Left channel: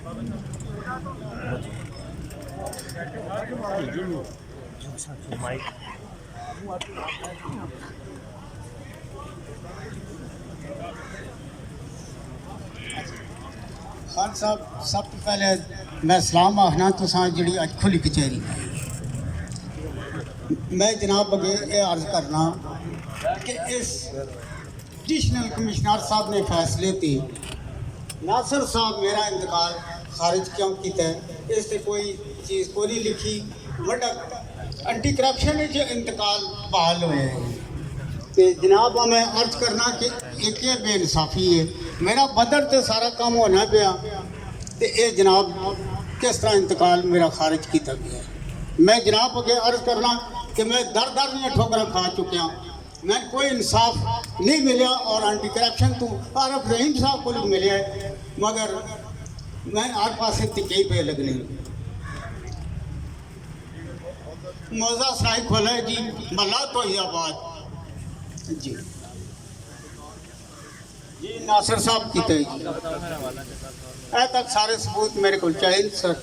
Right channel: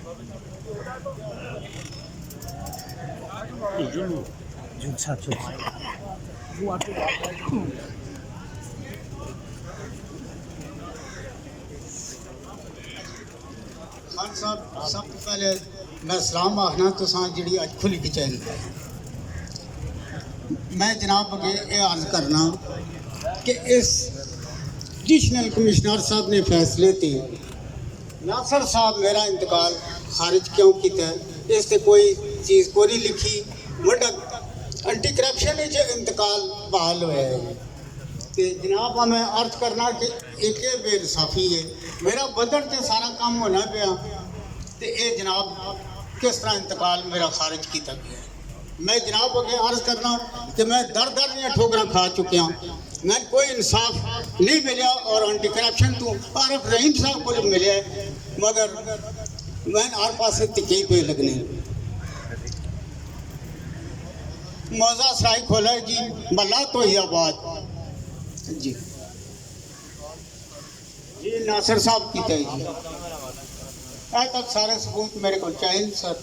खान साहब सब तो पहले मैं सलाम आखना तुसां जी अज खुली कचहरी मैं जनाब अगे ये अर्ज करना कि इस एडिशनल कमिश्नर साहब ने फैसले थे नासर साहब मेरा इंतकाल खारिज क्यों किया इस कोई चीज़ को नहीं लिखी बड़ा एंटी करप्शन इंतकाल बहाल होया है। तो जनाब मैं अर्ज करना कि एक बेइंसाफी है मेरा बदर तो सारा काम होना पाया तो ये जनाब किस तरह इंतकाल मेरा खारिज किया गया है। मैं जनाब अगे अर्ज करना कि मैं दर दर ठोकर खा चुकिया मैं कोई इंसाफ नहीं मिला और एंटी करप्शन तो आरफ रहीम साहब को मिले मगर मैं हर पास तिके पे लगने मौजा सराय खोला जी मल्ला तो ही आबाद जी जी नासिर साहब की जी ऐ तक सारे सबूत मेरे को चाहिए सर।